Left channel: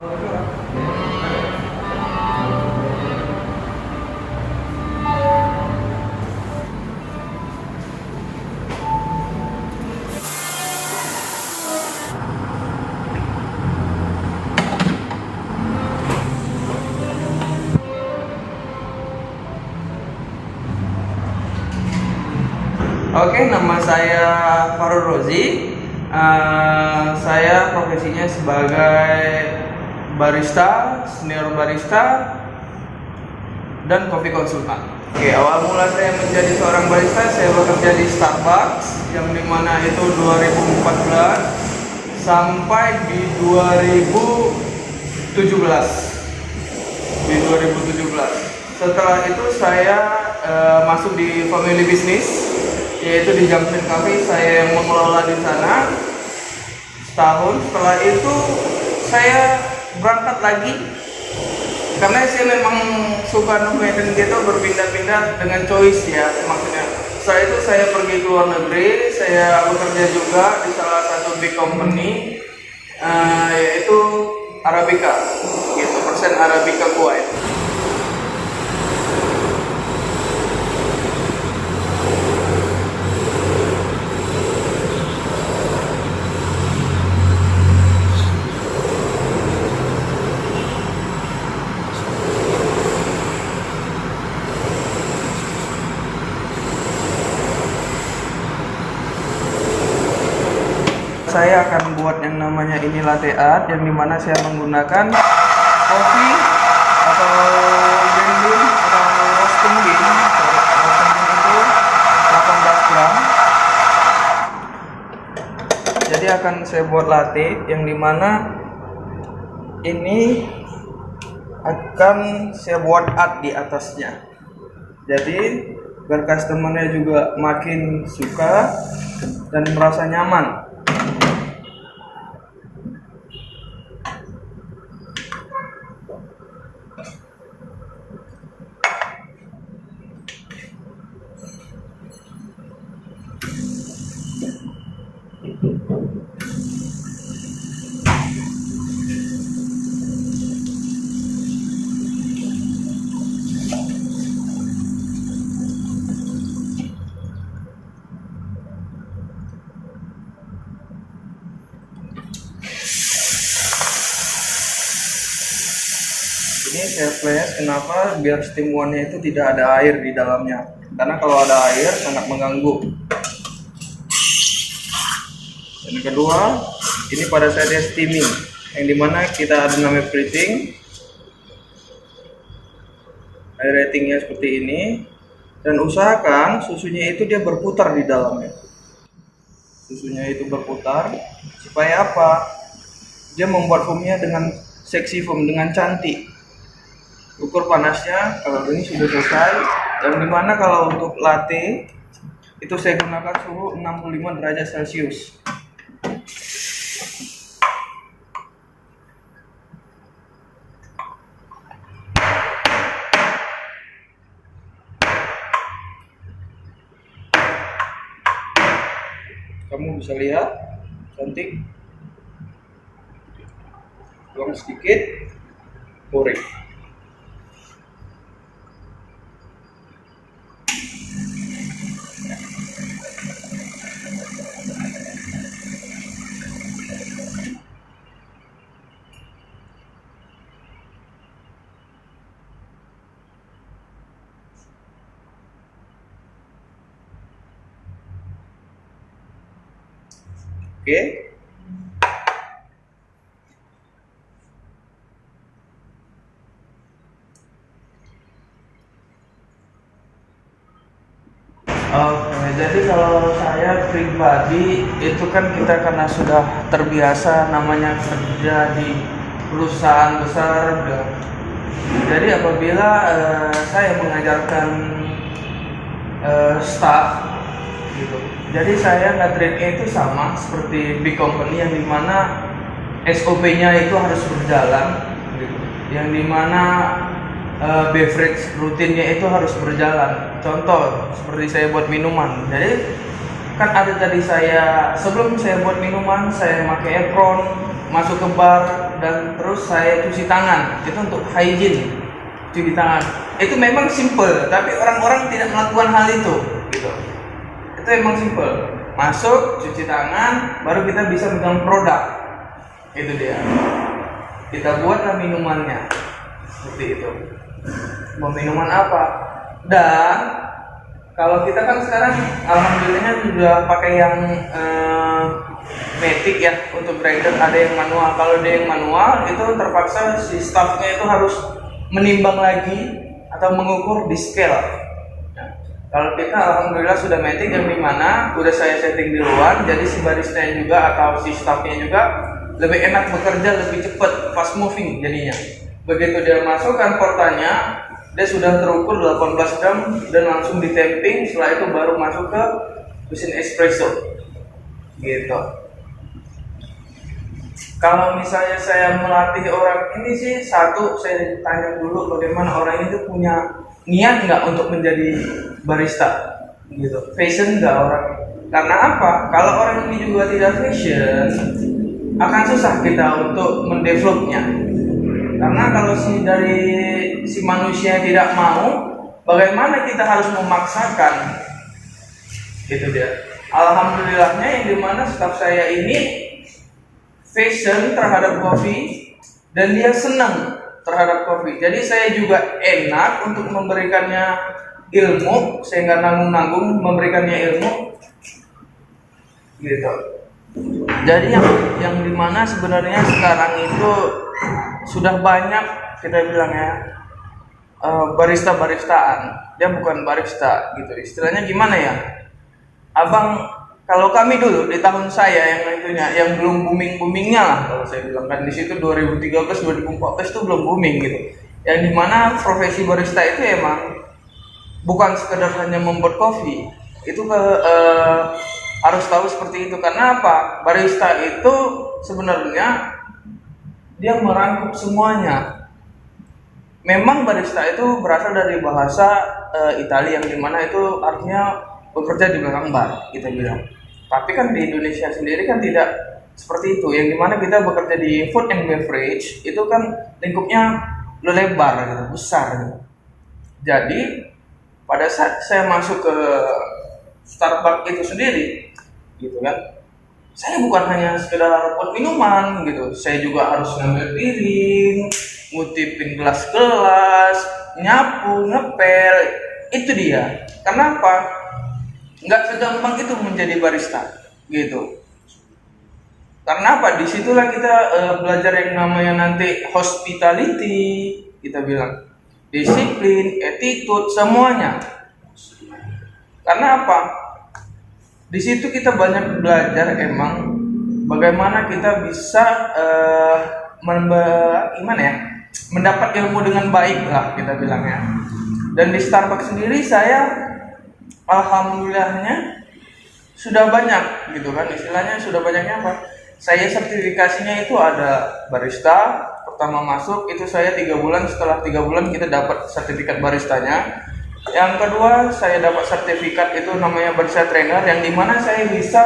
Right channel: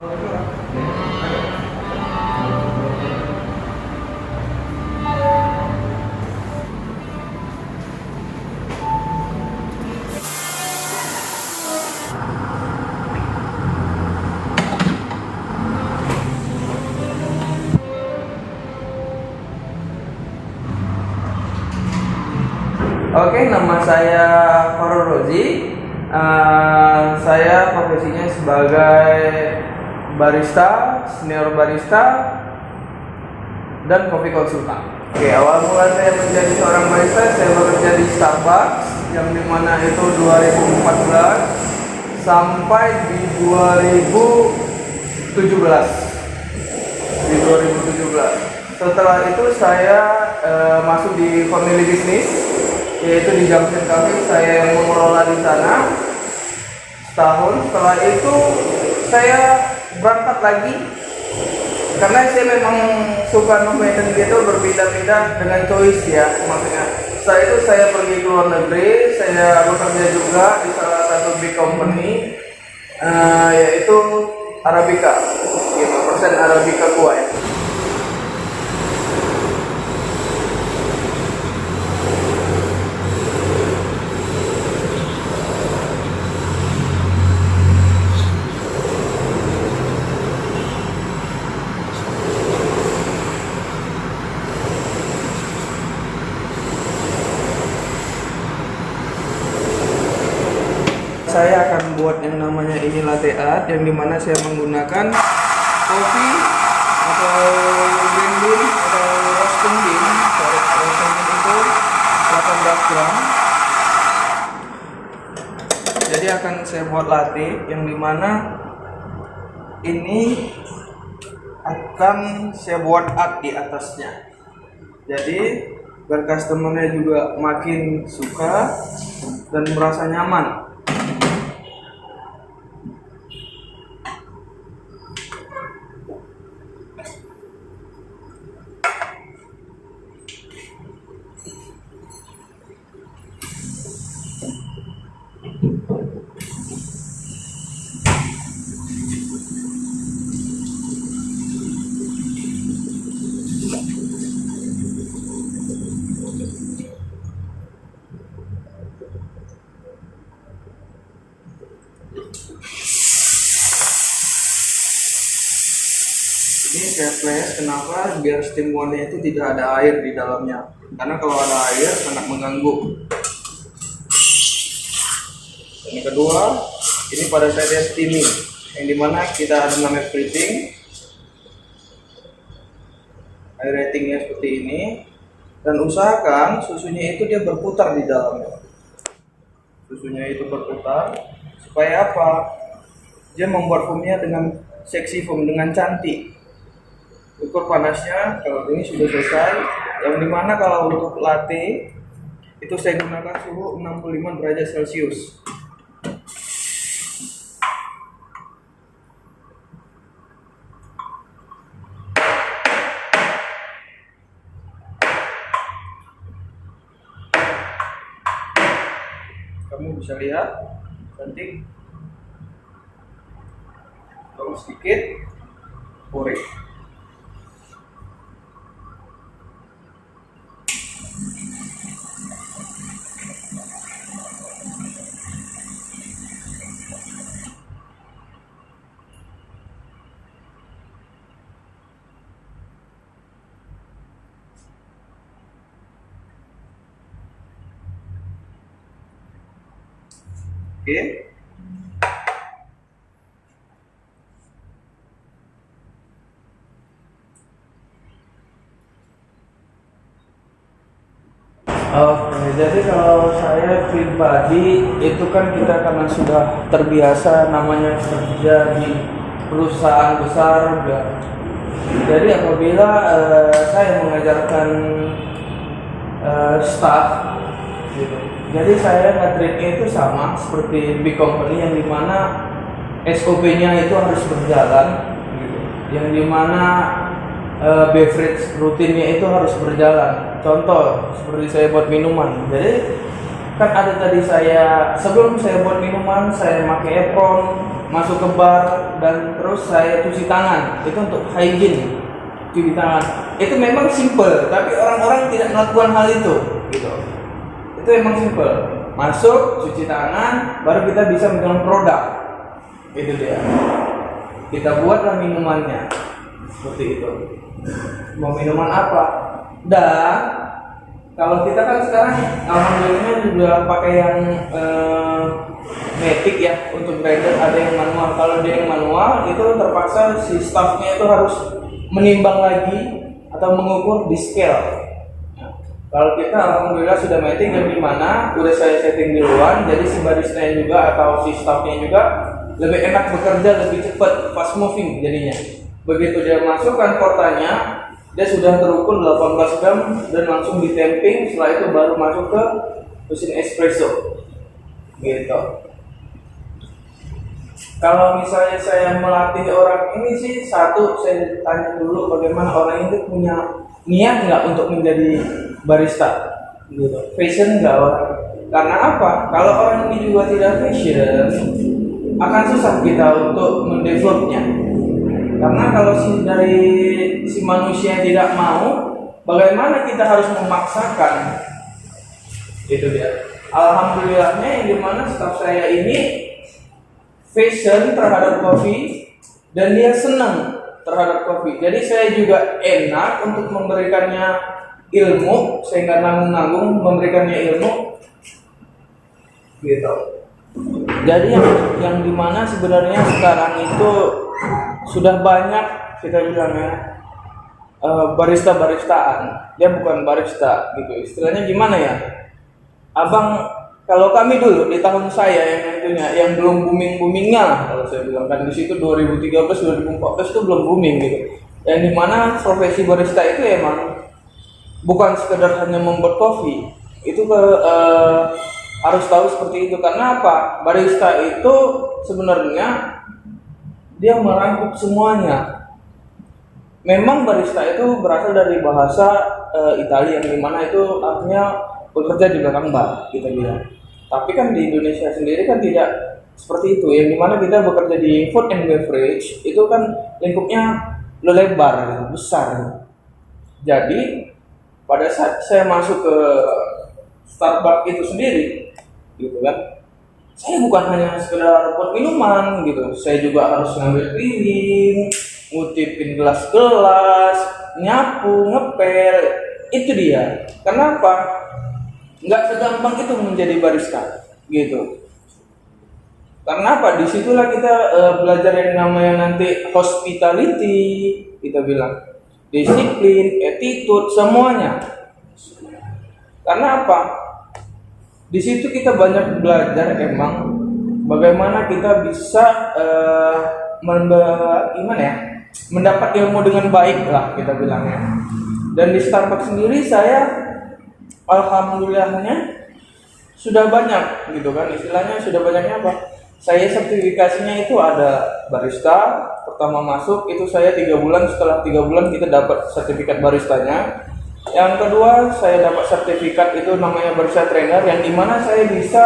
Oke, nama saya Farul Rozi. Saya profesinya sebagai barista, senior barista, dan coffee konsultan. Oke, awal mula saya menjadi seorang barista, saya bekerja di Starbucks, yang dimana itu 2014 sampai di 2017. Setelah itu saya masuk di family business, yaitu di Junction Cafe. Saya yang mengelola di sana setahun. Setelah itu saya berangkat lagi karena saya memang suka nomeden gitu, berpindah-pindah dengan choice ya. Maksudnya setelah itu saya pergi ke luar negeri, saya bekerja juga di salah satu big company, yaitu Arabica gitu, persen Arabica Kuwait. Saya akan buat yang namanya ini latte art, yang dimana saya menggunakan kopi atau green bean atau roasting bean. Roasting bean itu 18 gram. Jadi akan saya buat latte yang dimana ini akan saya buat art di atasnya. Jadi biar customernya juga makin suka dan merasa nyaman. Ini saya flash, kenapa? Biar steam one-nya itu tidak ada air di dalamnya. Karena kalau ada air sangat mengganggu. Dan yang kedua, ini pada saat dia steaming, yang dimana kita ada namanya plating. Air ratingnya seperti ini. Dan usahakan susunya itu dia berputar di dalamnya. Susunya itu berputar supaya apa? Dia membuat foamnya dengan seksi foam, dengan cantik. Ukur panasnya kalau ini sudah selesai, yang dimana kalau untuk latte itu saya gunakan suhu 65 derajat Celcius. Kamu bisa lihat cantik, tuang sedikit, goreng. Oke. Jadi kalau saya pribadi itu kan kita karena sudah terbiasa namanya kerja di perusahaan besar, jadi apabila saya mengajarkan staff gitu, jadi saya nge-treatnya itu sama seperti big company, yang dimana SOP-nya itu harus berjalan gitu. Yang dimana beverage rutinnya itu harus berjalan. Contoh seperti saya buat minuman, jadi kan ada tadi saya sebelum saya buat minuman saya pakai apron, masuk ke bar, dan terus saya cuci tangan. Itu untuk hygiene, cuci tangan. Itu memang simple, tapi orang-orang tidak melakukan hal itu, gitu. Itu emang simple. Masuk, cuci tangan, baru kita bisa megang produk. Itu dia. Kita buatlah minumannya, seperti itu. Mau minuman apa? Dan kalau kita kan sekarang alhamdulillahnya sudah pakai yang matic ya untuk grinder, ada yang manual. Kalau ada yang manual itu terpaksa si staffnya itu harus menimbang lagi atau mengukur di scale. Nah, kalau kita alhamdulillah sudah matic yang dimana udah saya setting duluan, jadi si barista juga atau si staffnya juga lebih enak bekerja, lebih cepat, fast moving jadinya. Begitu dia masukkan portanya, dia sudah terukur 18 gram dan langsung ditemping. Setelah itu baru masuk ke mesin espresso, gitu. Kalau misalnya saya melatih orang ini sih, satu saya tanya dulu bagaimana orang itu punya niat nggak untuk menjadi barista, gitu. Fashion nggak orang? Karena apa? Kalau orang ini juga tidak fashion, akan susah kita untuk mendevelopnya. Karena kalau si manusia tidak mau, bagaimana kita harus memaksakan? Gitu dia. Alhamdulillahnya yang dimana staff saya ini fashion terhadap kopi dan dia senang terhadap kopi. Jadi saya juga enak untuk memberikannya ilmu, saya nggak nanggung-nanggung memberikannya ilmu, gitu. Jadi yang dimana sebenarnya sekarang itu sudah banyak kita bilang ya barista-baristaan, dia bukan barista gitu. Istilahnya gimana ya, abang, kalau kami dulu di tahun saya yang belum boomingnya lah kalau saya bilang kan, di situ 2013-2014 itu belum booming gitu. Yang dimana profesi barista itu emang bukan sekedar hanya membuat kopi, itu harus tahu seperti itu. Karena apa? Barista itu sebenarnya dia merangkup semuanya. Memang barista itu berasal dari bahasa Italia yang dimana itu artinya bekerja di belakang bar, kita bilang. Tapi kan di Indonesia sendiri kan tidak seperti itu. Yang dimana kita bekerja di food and beverage itu kan lingkupnya lebar, besar. Jadi pada saat saya masuk ke Starbucks itu sendiri, gitu kan, saya bukan hanya sekedar buat minuman gitu, saya juga harus ngambil piring, ngutipin gelas-gelas, nyapu, ngepel. Itu dia. Kenapa? Nggak segampang itu menjadi barista, gitu. Karena apa? Disitulah kita belajar yang namanya nanti hospitality, kita bilang disiplin, attitude, semuanya. Karena apa? Di situ kita banyak belajar emang bagaimana kita bisa mendapat ilmu dengan baik lah, kita bilang ya. Dan di Starbucks sendiri saya alhamdulillahnya sudah banyak gitu kan, istilahnya sudah banyaknya apa? Saya sertifikasinya itu ada barista. Pertama masuk itu saya 3 bulan, setelah 3 bulan kita dapat sertifikat baristanya. Yang kedua saya dapat sertifikat itu namanya barista trainer, yang dimana saya bisa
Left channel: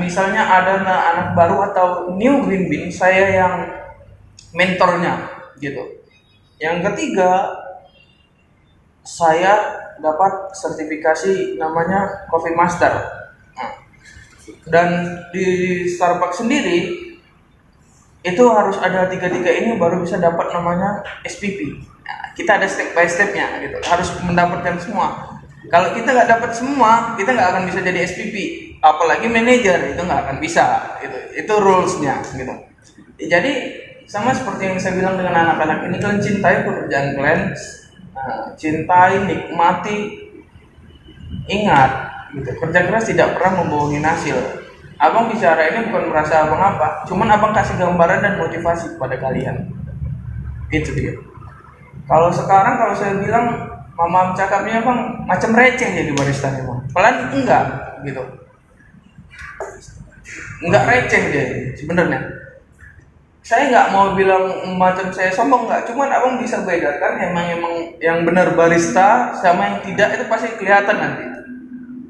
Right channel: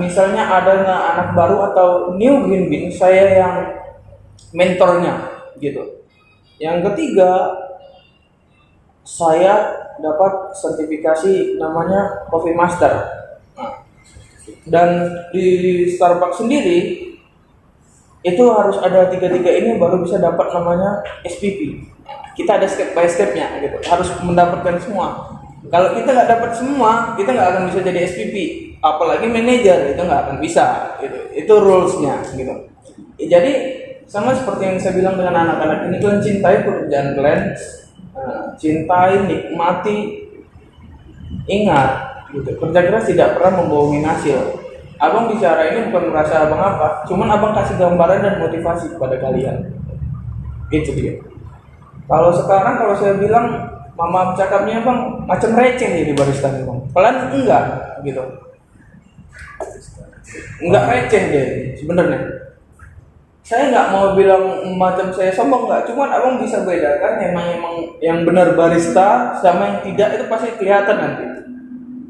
misalnya ada anak baru atau new green bean, saya yang mentornya gitu. Yang ketiga saya dapat sertifikasi namanya Coffee Master. Dan di Starbucks sendiri itu harus ada 3 ini baru bisa dapat namanya SPP. Nah, kita ada step by stepnya gitu, harus mendapatkan semua. Kalau kita nggak dapat semua, kita nggak akan bisa jadi SPP, apalagi manajer, itu nggak akan bisa. Itu rulesnya gitu. Jadi sama seperti yang saya bilang dengan anak-anak ini, kalian cintai pekerjaan kalian, cintai, nikmati, ingat gitu, kerja keras tidak pernah membohongi hasil. Abang bicara ini bukan merasa abang apa, cuman abang kasih gambaran dan motivasi kepada kalian. Itu dia. Kalau sekarang kalau saya bilang mama cakapnya bang macam receh jadi barista bang, pelan enggak gitu, enggak receh deh sebenarnya. Saya nggak mau bilang macam saya sombong, nggak, cuman abang bisa bedakan emang yang benar barista sama yang tidak, itu pasti kelihatan nanti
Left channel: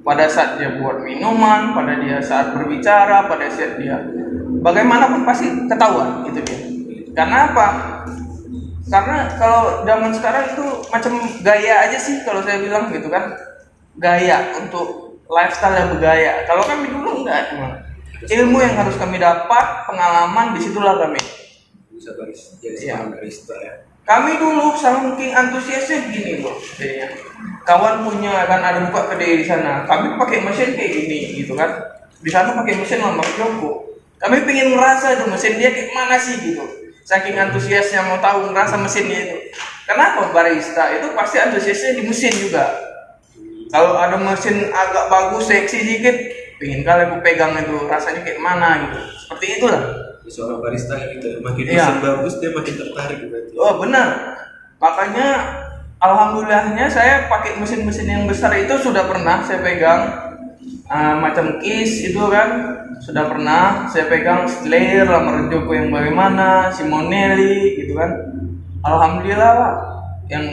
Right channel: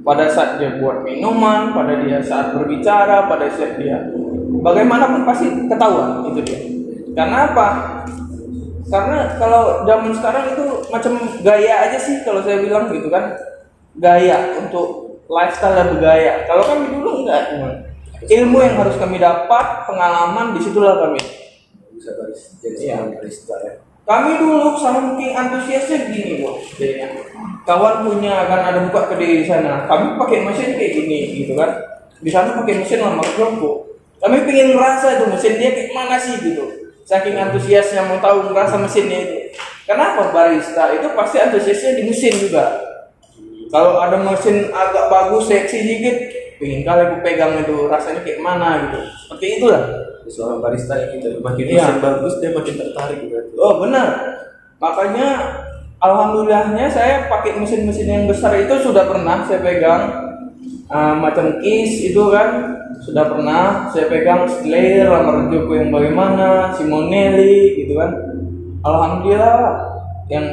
pada saat dia buat minuman, pada dia saat berbicara, pada saat dia bagaimanapun pasti ketahuan, itu dia. Karena apa? Karena kalau zaman sekarang itu macam gaya aja sih kalau saya bilang gitu kan, gaya untuk lifestyle yang bergaya. Kalau kami dulu enggak, ilmu yang harus kami dapat, pengalaman, disitulah kami bisa jadi seorang barista ya. Kami dulu saking antusiasnya gini loh, kawan punya kan ada buka kedai di sana, kami pakai mesin kayak gini gitu kan, di sana pakai mesin lambat joko. Kami pengen merasa tuh mesin dia kayak mana sih gitu, saking antusiasnya mau tahu merasa mesinnya itu. Kenapa barista itu pasti antusiasnya di mesin juga. Kalau ada mesin agak bagus, seksi dikit, pengen kali aku pegang itu rasanya kayak mana gitu. Seperti itulah. Seorang barista gitu, makin mesin bagus dia makin tertarik berarti. Oh benar, makanya alhamdulillahnya saya pakai mesin-mesin yang besar itu sudah pernah saya pegang, macam Kiss itu kan sudah pernah saya pegang, Slayer, Lamar Joko yang bagaimana, Simonelli gitu kan. Alhamdulillah yang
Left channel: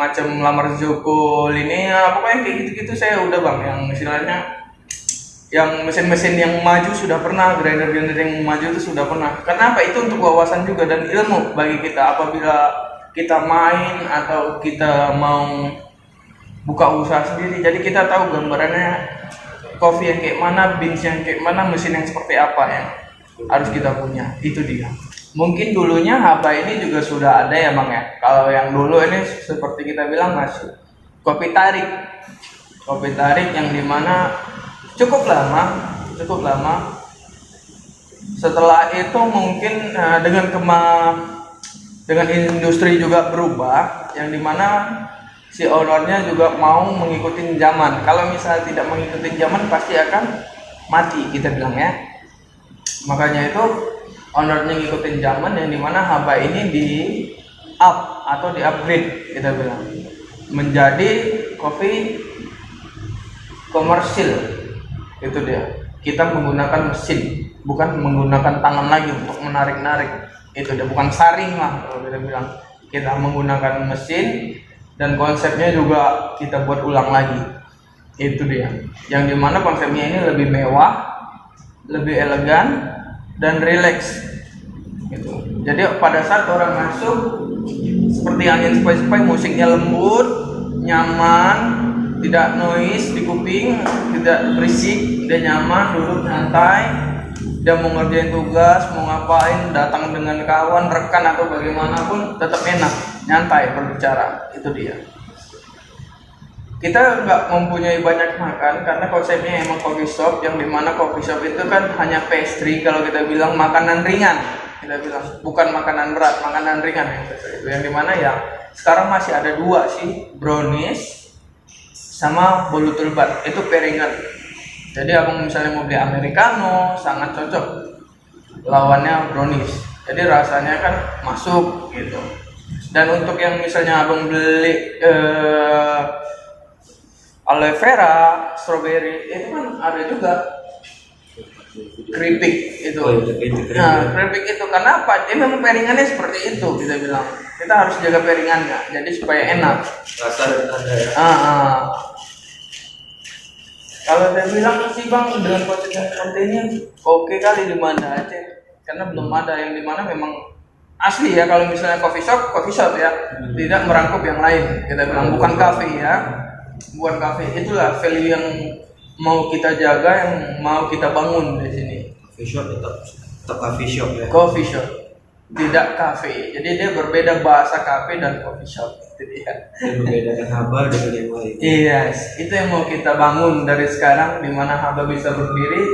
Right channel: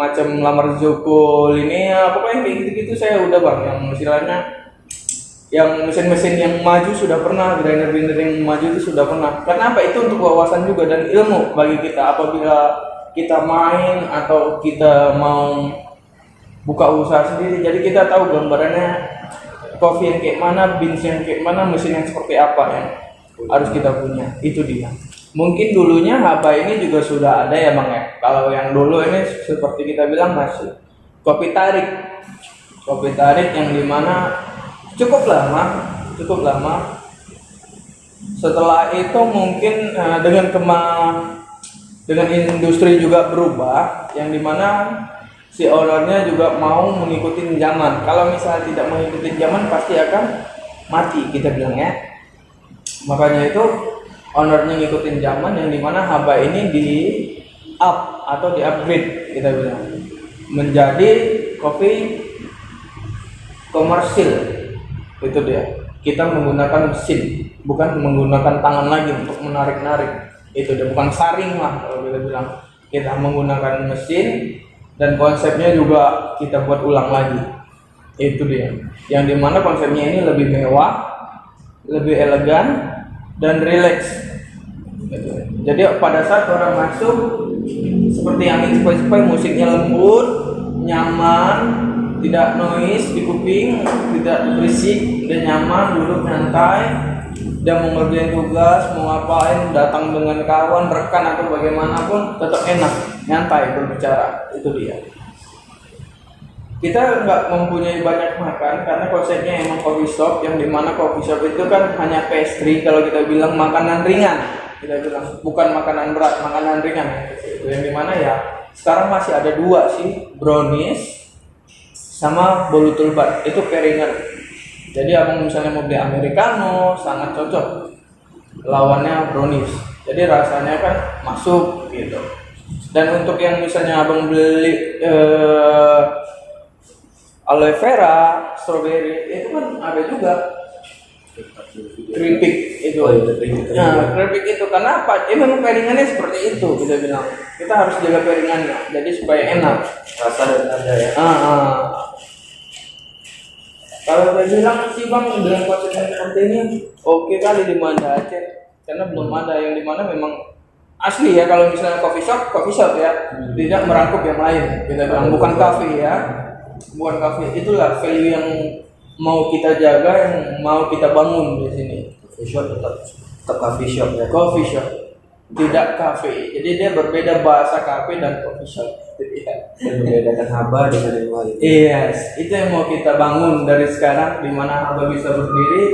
macam Lamar Joko, Linea, pokoknya kayak gitu-gitu saya udah bang, yang istilahnya yang mesin-mesin yang maju sudah pernah, grinder-grinder yang maju itu sudah pernah. Karena apa? Itu untuk wawasan juga dan ilmu bagi kita apabila kita main atau kita mau buka usaha sendiri. Jadi kita tahu gambarannya kopi yang kayak mana, beans yang kayak mana, mesin yang seperti apa yang harus kita punya. Itu dia. Mungkin dulunya Haba ini juga sudah ada ya bang ya. Kalau yang dulu ini seperti kita bilang masih kopi tarik yang dimana cukup lama. Setelah itu mungkin dengan industri juga berubah, yang dimana si ownernya juga mau mengikuti zaman. Kalau misalnya tidak mengikuti zaman pasti akan mati kita bilang ya. Makanya itu ownernya ngikutin zaman, yang dimana Haba ini di up atau di upgrade kita bilang menjadi kopi komersil. Itu dia, kita menggunakan mesin, bukan menggunakan tangan lagi untuk menarik-narik. Itu dia, bukan saring mah kalau kita bilang. Kita menggunakan mesin dan konsepnya juga kita buat ulang lagi. Itu dia, yang dimana konsepnya ini lebih mewah, lebih elegan dan rileks gitu. Jadi pada saat orang masuk seperti angin sepoi-sepoi, musiknya lembut, nyaman, tidak noise di kuping, tidak berisik, dia nyaman, duduk santai, dia mau ngerjain tugas, mau ngapain, datang dengan kawan, rekan atau bagaimanapun tetap enak, nyantai berbicara. Itu dia. Kita nggak mempunyai banyak makan karena konsepnya emang coffee shop, yang dimana coffee shop itu kan hanya pastry, kalau kita bilang makanan ringan, kita bilang bukan makanan berat, makanan ringan ya. Itu yang dimana ya sekarang masih ada dua sih, brownies sama bolu tulbat, itu pairingan. Jadi abang misalnya mau beli americano sangat cocok, lawannya brownies. Jadi rasanya kan masuk gitu. Dan untuk yang misalnya abang beli aloe vera, strawberry, itu kan ada juga keripik itu. Nah, keripik itu kenapa? Dia memang pairingannya seperti itu kita bilang. Kita harus jaga pairingannya, jadi supaya enak. Rasa dan ada ya. Kalau saya bilang sih bang, dengan konsep yang seperti ini oke kali di Banda Aceh, karena belum ada yang dimana memang asli ya. Kalau misalnya coffee shop ya, tidak merangkup yang lain. Kita bilang bukan cafe ya, bukan cafe. Itulah value yang mau kita jaga, yang mau kita bangun di sini. Coffee shop tetap coffee shop ya. Coffee shop, tidak cafe. Jadi dia berbeda bahasa cafe dan coffee shop. Yang membedakan Haba dengan yang lain. Yes, itu yang mau kita bangun dari sekarang, di mana Haba bisa berdiri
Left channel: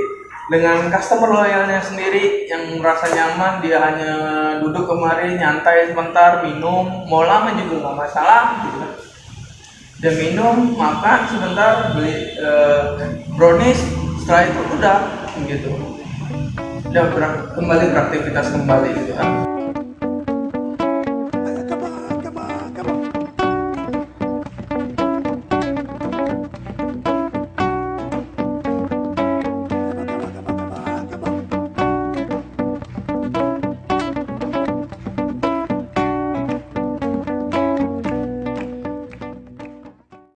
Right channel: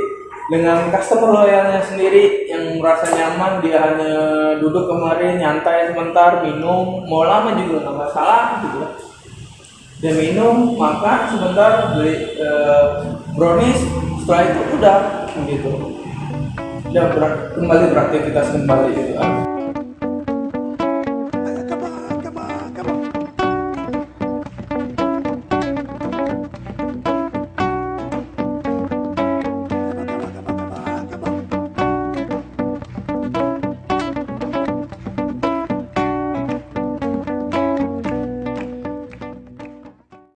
dengan customer loyalnya sendiri yang merasa nyaman. Dia hanya duduk kemarin nyantai sebentar, minum, mau lama juga nggak masalah gitu. Dia minum, makan sebentar, beli brownies, setelah itu udah gitu. Dia kembali beraktivitas kembali gitu.